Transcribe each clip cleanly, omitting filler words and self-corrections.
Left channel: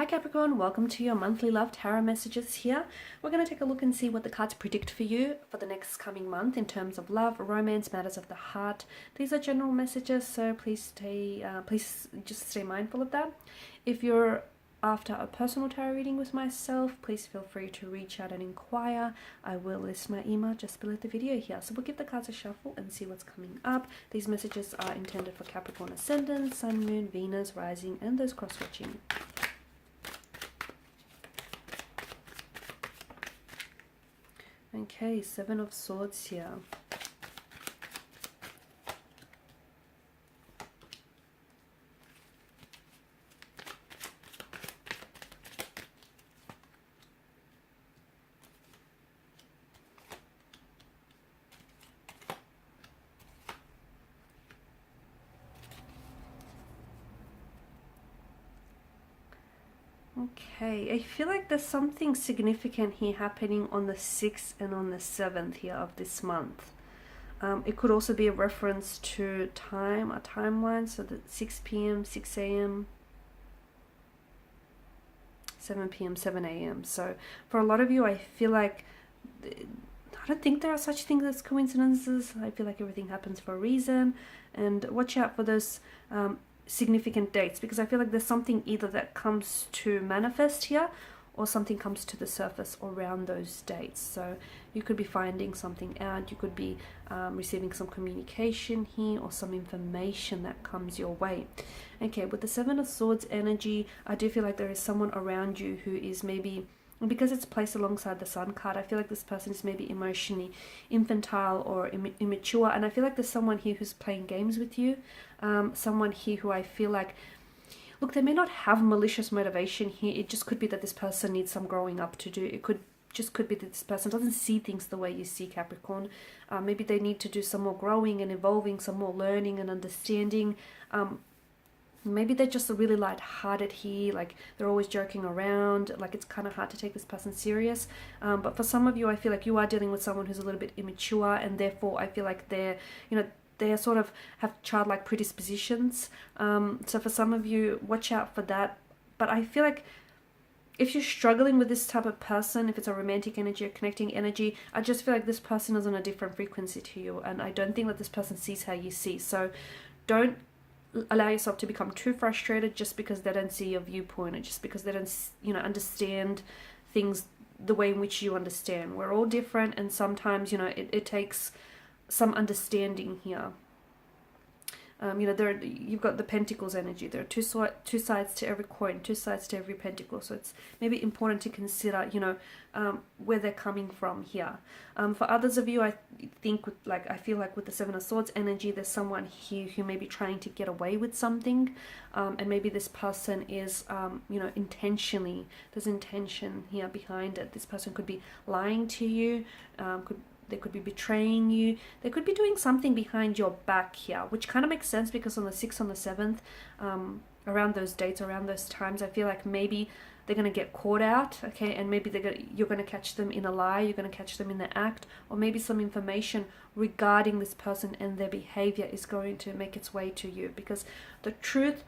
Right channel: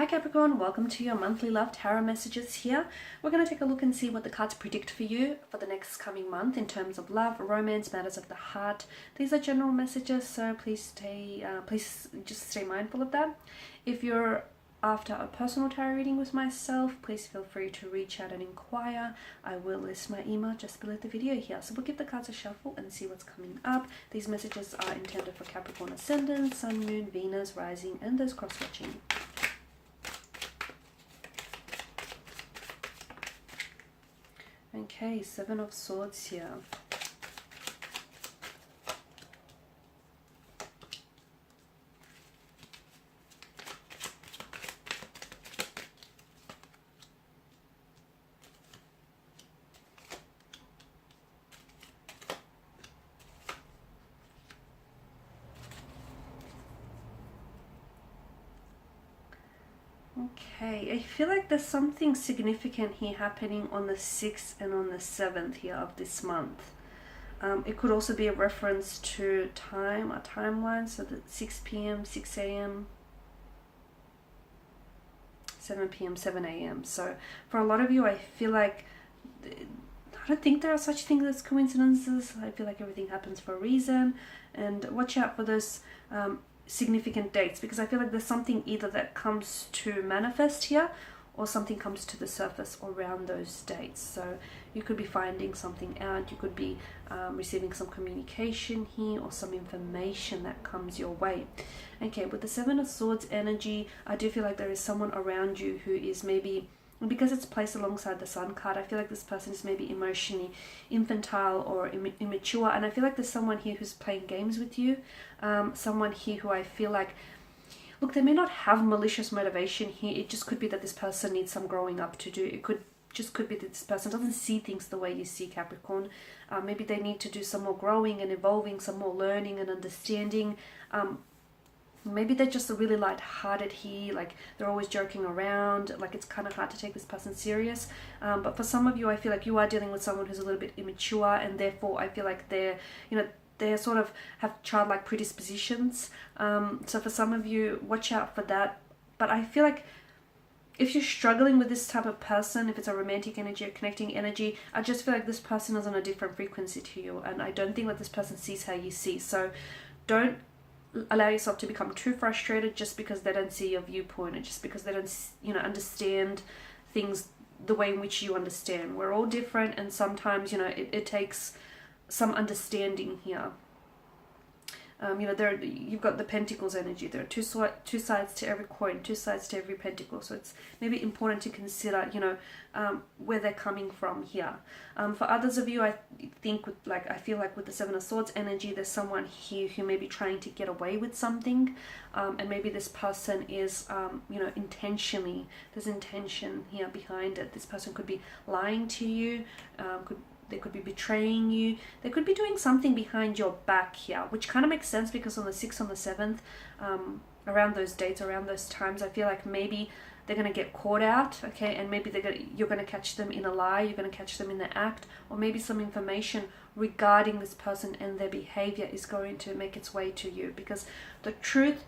Hi Capricorn, welcome to your monthly love tarot messages here. We're going to take a look and see what the cards predict for you for the next coming month in terms of love, romance, matters of the heart. These are general messages, so please just stay mindful of that. If you're after a personal tarot reading with myself, please feel free to reach out and inquire. I will list my email just below the video here. So we'll give the cards a shuffle and see what's coming up. These messages are intended for Capricorn Ascendant, Sun, Moon, Venus, Rising, and those cross-watching. Okay, Seven of Swords here. Okay, I feel like there's something significant here happening on the 6th and on the 7th here of this month. It could also be a reference to time, a timeline, so that 6 p.m., 6 a.m., 7 p.m., 7 a.m. So for a lot of you, I feel like, I don't think there are such things as coincidences. I feel like everything happens for a reason, and watch out for those significant dates, because I feel like there's something either that comes to manifest here or something comes to the surface around those dates. So you could be finding something out, you could be receiving some communication here or some information that comes your way. Okay, with the Seven of Swords energy, I do feel like there is someone around you who is maybe, because it's placed alongside the Sun card, I feel like this person is maybe emotionally infantile or immature, and I feel like there's someone here who's playing games with you, someone here who I feel like, look, they may not have malicious motivation here. It just could be that this person needs some growing up to do. It could be that this person doesn't see things the way you see, Capricorn. Maybe they need to do some more growing and evolving, some more learning and understanding. Maybe they're just really light-hearted here, like they're always joking around, like it's kind of hard to take this person serious. But for some of you, I feel like you are dealing with someone who's a little bit immature, and therefore I feel like they sort of have childlike predispositions. So for some of you, watch out for that. But I feel like if you're struggling with this type of person, if it's a romantic energy or connecting energy, I just feel like this person is on a different frequency to you, and I don't think that this person sees how you see. So don't allow yourself to become too frustrated just because they don't see your viewpoint, and just because they don't understand things the way in which you understand. We're all different, and sometimes it takes some understanding here. You've got the Pentacles energy. There are two sides to every coin, two sides to every pentacle. So it's maybe important to consider, where they're coming from here. For others of you, I feel like with the Seven of Swords energy, there's someone here who may be trying to get away with something, and maybe this person is, intentionally. There's intention here behind it. This person could be lying to you, they could be betraying you. They could be doing something behind your back here, which kind of makes sense because on the 6th, on the 7th, around those dates, around those times, I feel like maybe they're going to get caught out, okay? And maybe you're going to catch them in a lie, you're going to catch them in the act, or maybe some information regarding this person and their behavior is going to make its way to you, because the truth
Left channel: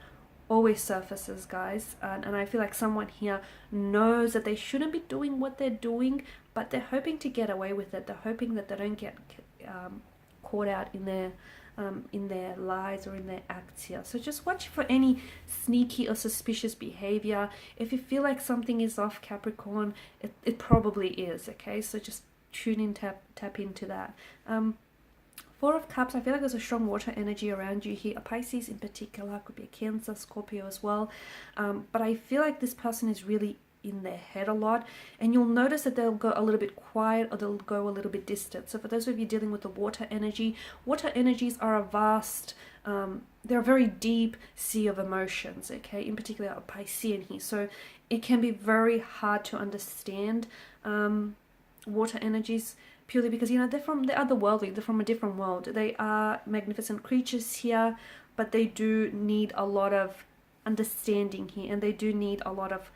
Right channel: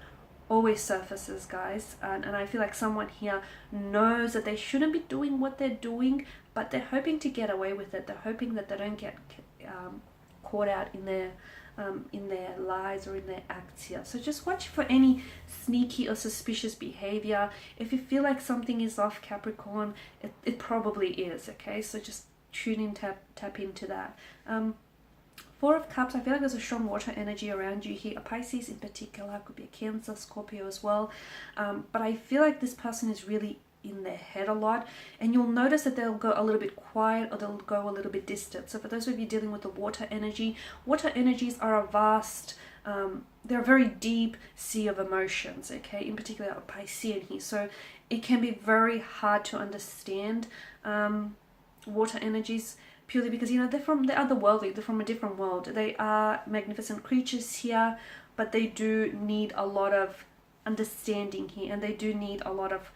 always surfaces, guys, and I feel like someone here knows that they shouldn't be doing what they're doing, but they're hoping to get away with it. They're hoping that they don't get caught out in their lies or in their acts here. So just watch for any sneaky or suspicious behavior. If you feel like something is off, Capricorn, it probably is, okay? So just tune in, tap into that. Four of Cups, I feel like there's a strong water energy around you here. A Pisces in particular, could be a Cancer, Scorpio as well. But I feel like this person is really in their head a lot, and you'll notice that they'll go a little bit quiet or they'll go a little bit distant. So for those of you dealing with the water energies are a vast, they're a very deep sea of emotions, okay? In particular, a Piscean here. So it can be very hard to understand water energies, purely because they're otherworldly, they're from a different world. They are magnificent creatures here, but they do need a lot of understanding here, and they do need a lot of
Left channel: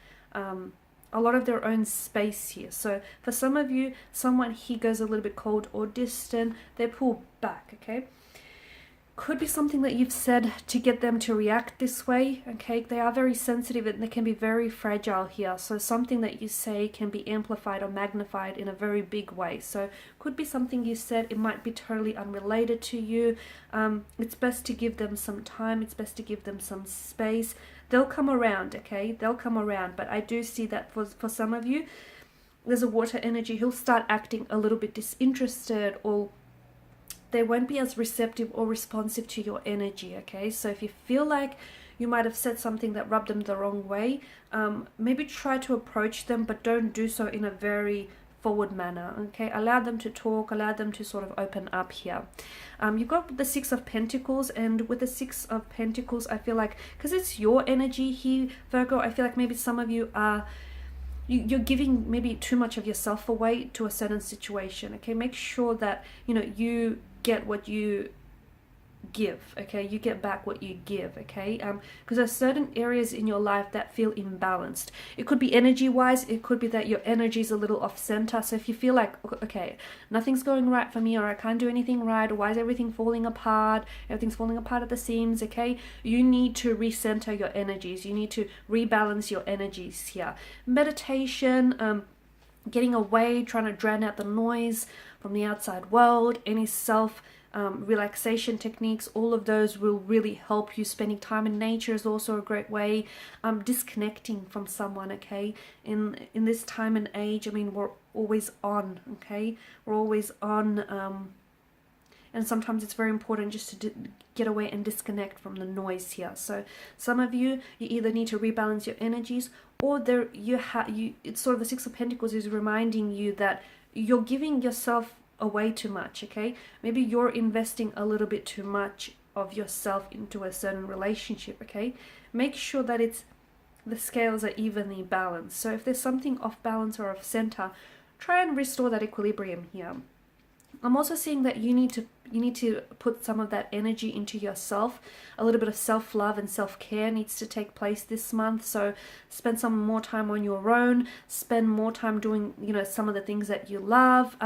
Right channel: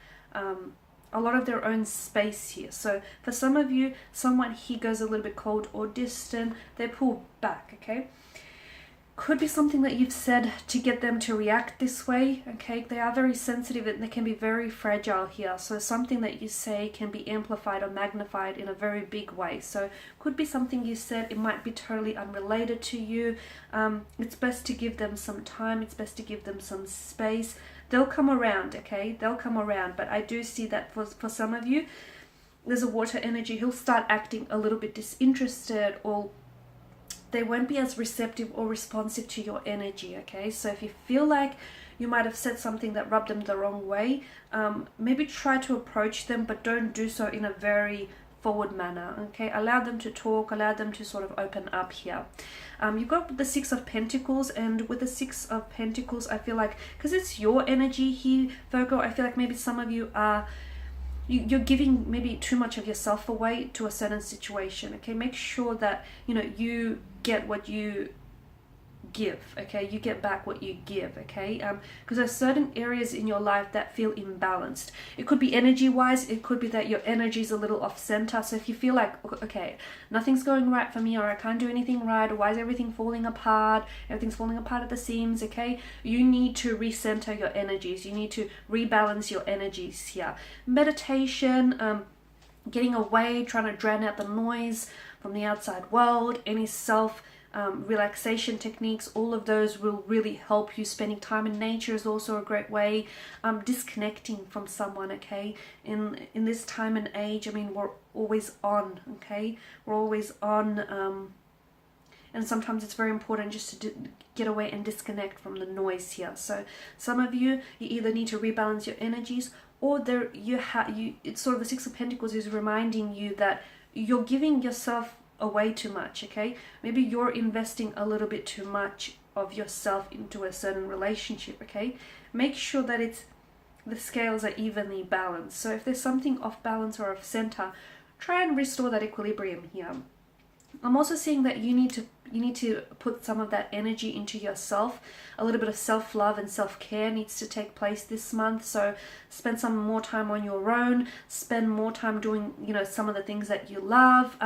their own space here. So for some of you, someone here goes a little bit cold or distant, they pull back, okay? Could be something that you've said to get them to react this way, okay? They are very sensitive and they can be very fragile here. So something that you say can be amplified or magnified in a very big way. So could be something you said, it might be totally unrelated to you. It's best to give them some time. It's best to give them some space. They'll come around, okay? They'll come around. But I do see that for some of you, there's a water energy. He'll start acting a little bit disinterested, or they won't be as receptive or responsive to your energy, okay? So if you feel like you might have said something that rubbed them the wrong way, maybe try to approach them, but don't do so in a very forward manner, okay? Allow them to talk, allow them to sort of open up here. You've got the Six of Pentacles, and with the Six of Pentacles, I feel like, because it's your energy here, Virgo, I feel like maybe some of you are you're giving maybe too much of yourself away to a certain situation, okay? Make sure that, you get what you give, okay? You get back what you give, okay? Because there's certain areas in your life that feel imbalanced. It could be energy-wise. It could be that your energy is a little off-center. So if you feel like, okay, nothing's going right for me, or I can't do anything right, or why is everything falling apart? Everything's falling apart at the seams, okay? You need to recenter your energies. You need to rebalance your energies here. Meditation, getting away, trying to drown out the noise from the outside world, any relaxation techniques, all of those will really help you. Spending time in nature is also a great way. Disconnecting from someone, okay? In this time and age, I mean, we're always on, okay? We're always on, and sometimes it's very important just to get away and disconnect from the noise here. So some of you either need to rebalance your energies, or it's sort of the Six of Pentacles is reminding you that you're giving yourself away too much, okay? Maybe you're investing a little bit too much of yourself into a certain relationship, okay? Make sure that the scales are evenly balanced. So if there's something off balance or off center, try and restore that equilibrium here. I'm also seeing that you need to put some of that energy into yourself. A little bit of self-love and self-care needs to take place this month. So spend some more time on your own. Spend more time doing, some of the things that you love.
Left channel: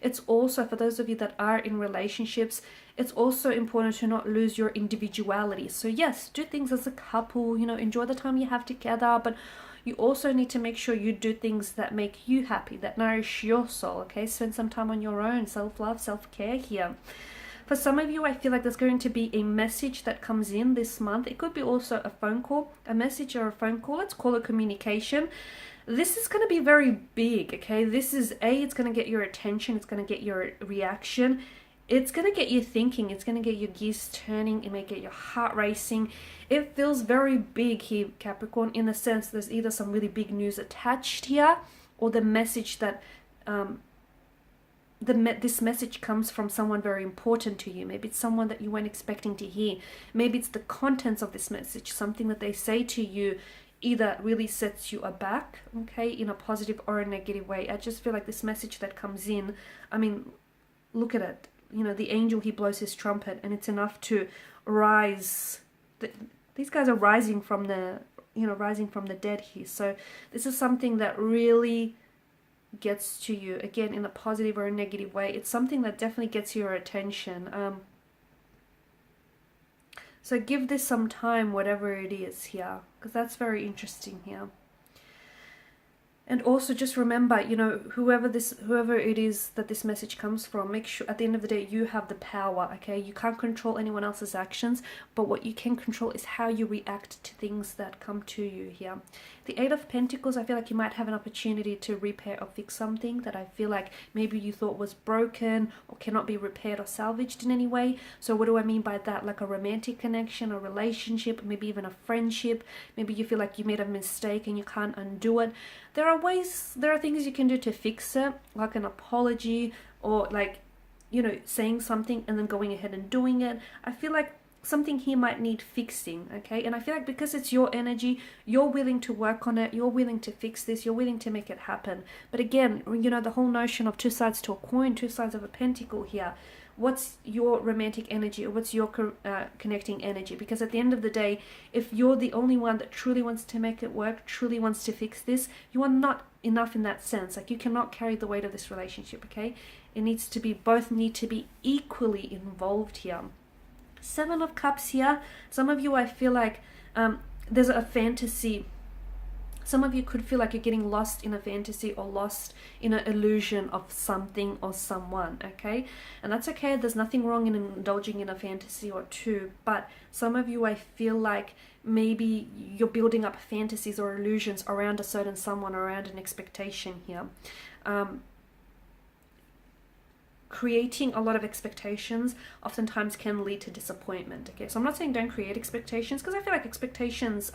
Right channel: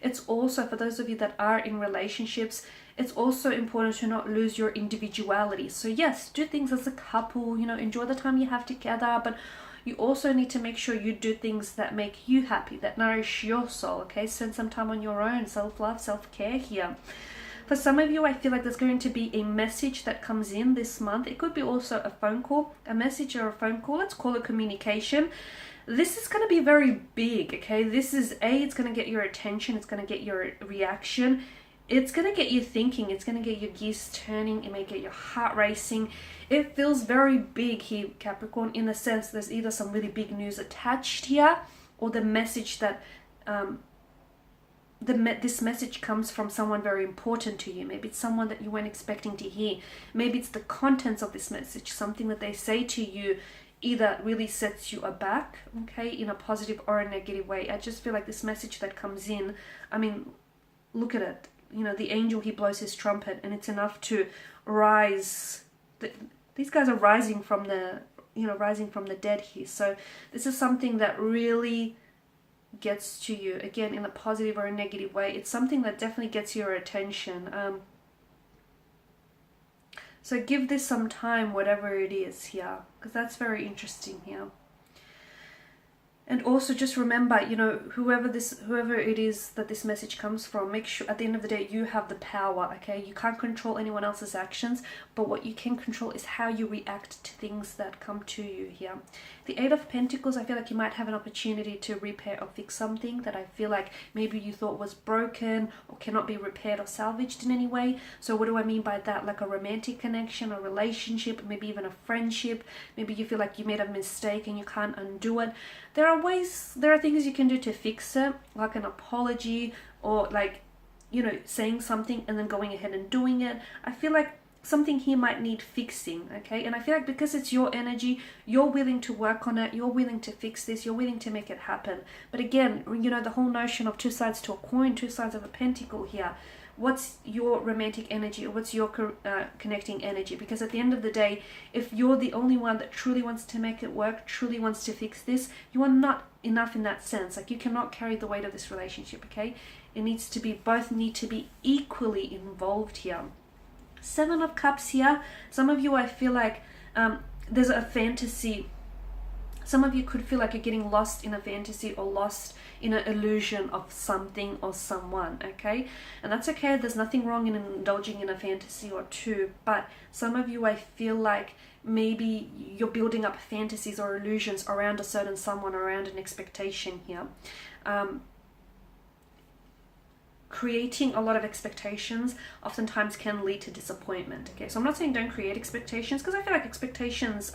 It's also, for those of you that are in relationships, it's also important to not lose your individuality. So yes, do things as a couple, enjoy the time you have together, but you also need to make sure you do things that make you happy, that nourish your soul, okay? Spend some time on your own, self-love, self-care here. For some of you, I feel like there's going to be a message that comes in this month. It could be also a phone call, a message or a phone call. Let's call it communication. This is going to be very big, okay? This is, it's going to get your attention. It's going to get your reaction. It's going to get you thinking. It's going to get your gears turning. It may get your heart racing. It feels very big here, Capricorn, in the sense there's either some really big news attached here, or the message that this message comes from someone very important to you. Maybe it's someone that you weren't expecting to hear. Maybe it's the contents of this message, something that they say to you either really sets you aback, okay, in a positive or a negative way. I just feel like this message that comes in, I mean, look at it. The angel, he blows his trumpet, and it's enough to rise. These guys are rising from the dead here. So this is something that really gets to you, again, in a positive or a negative way. It's something that definitely gets your attention. So give this some time, whatever it is here, because that's very interesting here. And also just remember, whoever it is that this message comes from, make sure at the end of the day you have the power, okay? You can't control anyone else's actions, but what you can control is how you react to things that come to you here. The Eight of Pentacles, I feel like you might have an opportunity to repair or fix something that I feel like maybe you thought was broken or cannot be repaired or salvaged in any way. So what do I mean by that? Like a romantic connection, a relationship, maybe even a friendship. Maybe you feel like you made a mistake and you can't undo it. There are things you can do to fix it, like an apology, or like, saying something and then going ahead and doing it. I feel like something here might need fixing, okay? And I feel like because it's your energy, you're willing to work on it, you're willing to fix this, you're willing to make it happen. But again, the whole notion of two sides to a coin, two sides of a pentacle here. What's your romantic energy, or what's your connecting energy? Because at the end of the day, if you're the only one that truly wants to make it work, truly wants to fix this, you are not enough in that sense. Like, you cannot carry the weight of this relationship, okay? Both need to be equally involved here. Seven of Cups here. Some of you, I feel like there's a fantasy. Some of you could feel like you're getting lost in a fantasy or lost in an illusion of something or someone, okay? And that's okay. There's nothing wrong in indulging in a fantasy or two. But some of you, I feel like maybe you're building up fantasies or illusions around a certain someone, around an expectation here. Creating a lot of expectations oftentimes can lead to disappointment. Okay, so I'm not saying don't create expectations, because I feel like expectations,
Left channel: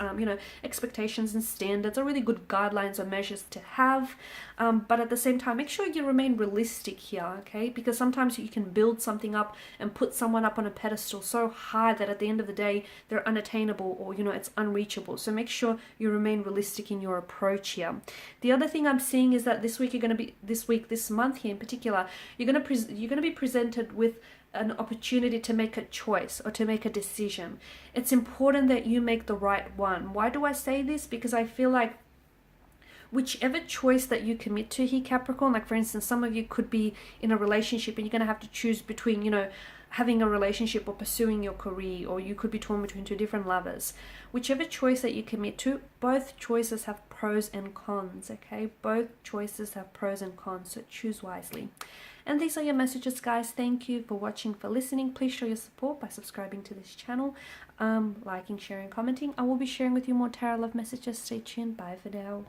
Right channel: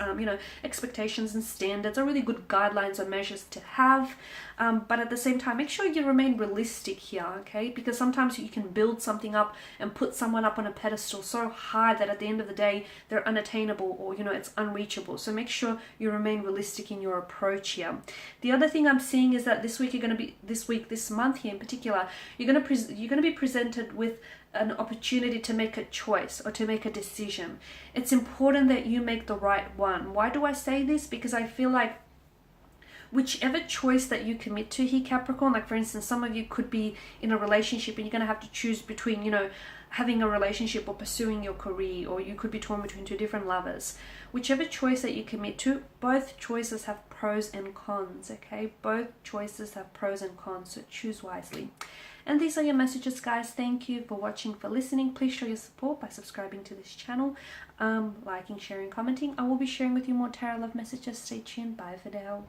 expectations and standards are really good guidelines or measures to have. But at the same time, make sure you remain realistic here, okay? Because sometimes you can build something up and put someone up on a pedestal so high that at the end of the day, they're unattainable, or, it's unreachable. So make sure you remain realistic in your approach here. The other thing I'm seeing is that this month here in particular, you're going to be presented with an opportunity to make a choice or to make a decision. It's important that you make the right one. Why do I say this? Because I feel like whichever choice that you commit to here, Capricorn, like for instance, some of you could be in a relationship and you're going to have to choose between, having a relationship or pursuing your career, or you could be torn between two different lovers. Whichever choice that you commit to, both choices have pros and cons, okay? Both choices have pros and cons, so choose wisely. And these are your messages, guys. Thank you for watching, for listening. Please show your support by subscribing to this channel, liking, sharing, commenting. I will be sharing with you more tarot love messages. Stay tuned. Bye for now.